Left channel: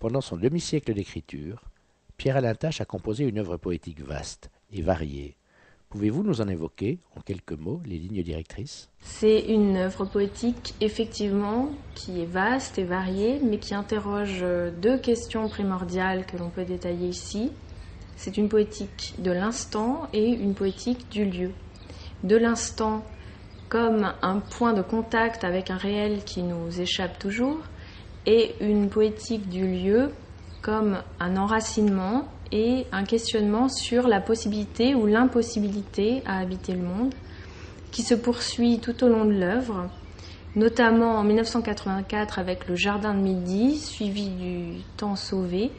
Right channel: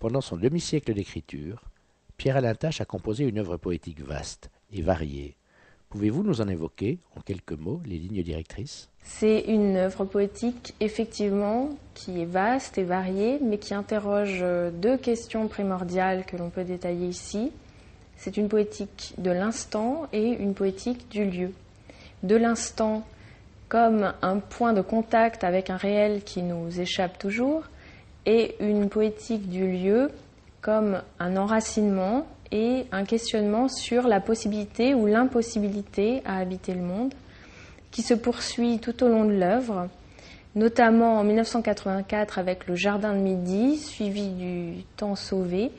Pendant son demi-siècle d'écriture, Pierre-Alain Tache a composé une œuvre poétique vaste et variée. Pouvez-vous nous en évoquer, en quelques mots, les lignes directrices? C'est une œuvre poétique, effectivement, qui est vaste et variée, mais qui interroge deux questions primordiales que l'on peut détailler ici. C'est une poétique de l'instant et une poétique du lieu. De l'instant comme un point de contact avec un réel qui nous échappe toujours, et une poétique du lieu comme un enracinement et un questionnement sur la possibilité ou l'impossibilité à habiter le monde, qui se poursuit tout au long de l'œuvre, notamment en 1984 avec le Jardin de Midi, suivi du Temps sauvé,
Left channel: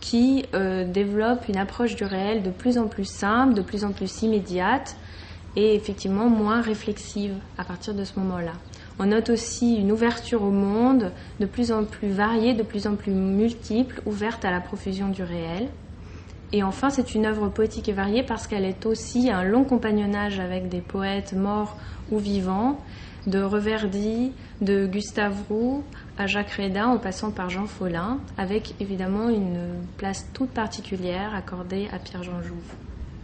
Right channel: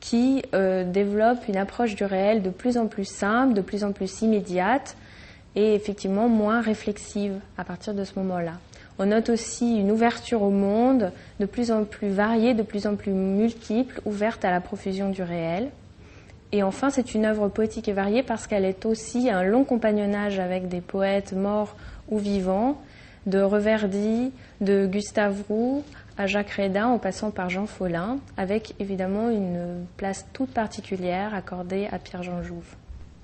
qui développe une approche du réel de plus en plus simple, de plus en plus immédiate et effectivement moins réflexive à partir de ce moment-là. On note aussi une ouverture au monde de plus en plus variée, de plus en plus multiple, ouverte à la profusion du réel. Et enfin, c'est une œuvre poétique et variée parce qu'elle est aussi un long compagnonnage avec des poètes morts ou vivants, de Reverdy, de Gustave Roux à Jacques Rédin, en passant par Jean Follin, avec évidemment une place toute particulière accordée à Pierre-Jean Jouve.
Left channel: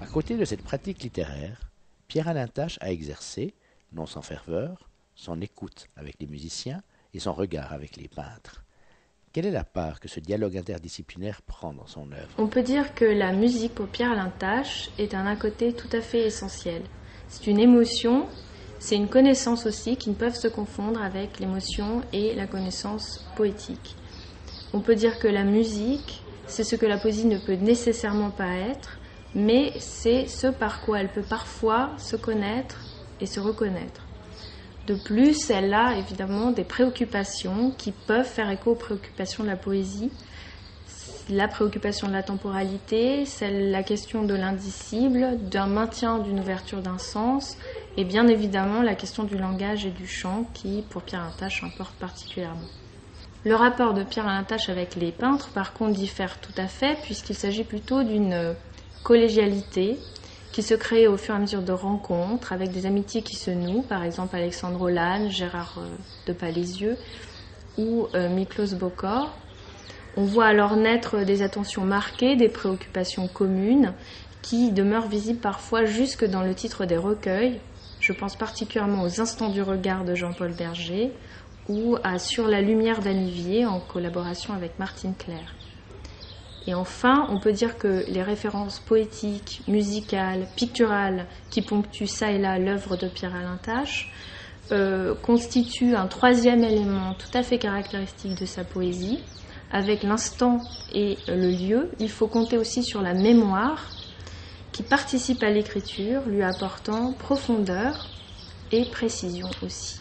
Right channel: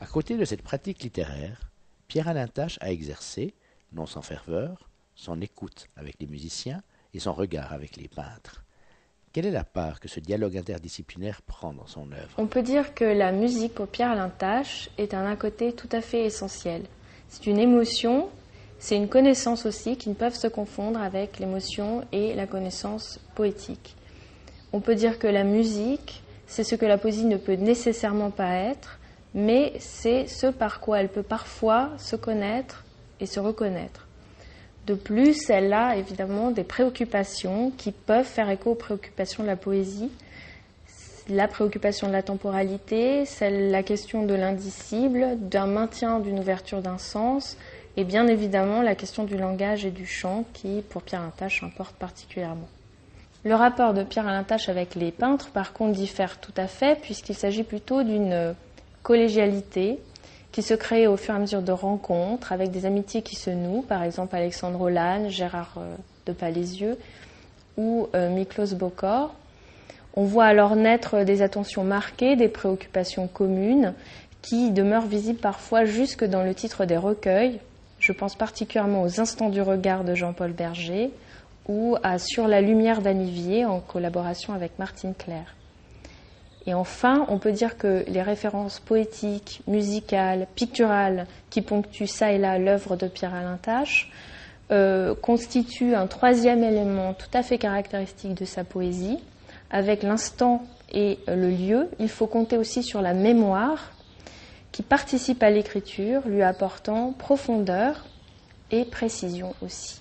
À côté de cette pratique littéraire, Pierre-Alain Tache a exercé, non sans ferveur, son écoute avec les musiciens et son regard avec les peintres. Quelle est la part que ce dialogue interdisciplinaire prend dans son œuvre? On peut dire que la musique pour Pierre-Alain Tache est un à côté tout à fait essentiel. C'est une émotion, c'est une connaissance aussi qui ne peuvent se confondre avec l'émotion et la connaissance poétique. On peut dire que la musique, c'est ce que la poésie ne peut nécessairement pas être, mais c'est ce par quoi elle peut parfois se connaître et se reconnaître. De plus, elle a évidemment des préoccupations qui peuvent faire écho aux préoccupations de la poésie. La préoccupation de la temporalité, la question de l'indicible, d'un maintien d'une ouverture d'un sens, et bien évidemment la question du langage et du chant qui, pour Pierre-Alain Tache, importe particulièrement. Le rapport de Pierre-Alain Tache avec les peintres, par contre, diffère tout à fait, puisqu'il s'agit plutôt d'une collégialité qui se crée au fur et à mesure de rencontres, avec des amitiés qui se nouent, par exemple Alexandre Holland, Gérard de Palaisieux ou Miklos Bokor. On voit alors naître des attentions marquées, des préoccupations communes, qui demeurent visibles parfois jusque dans le titre des recueils. Je pense particulièrement aux Instants du regard de Jean-Paul Berger ou à Sur la lumière d'Anivier en collaboration avec Martine Claire. Et enfin, on peut dire que les références poétiques, musicales, picturales qui ponctuent ça et là l'œuvre de Pierre-Alain Tache constituent un troisième élément tout à fait caractéristique de sa poésie. Avec l'instant et le lieu, il faut compter aussi sur la mémoire qui participe à l'écriture, lui apportant profondeur et précision aussi.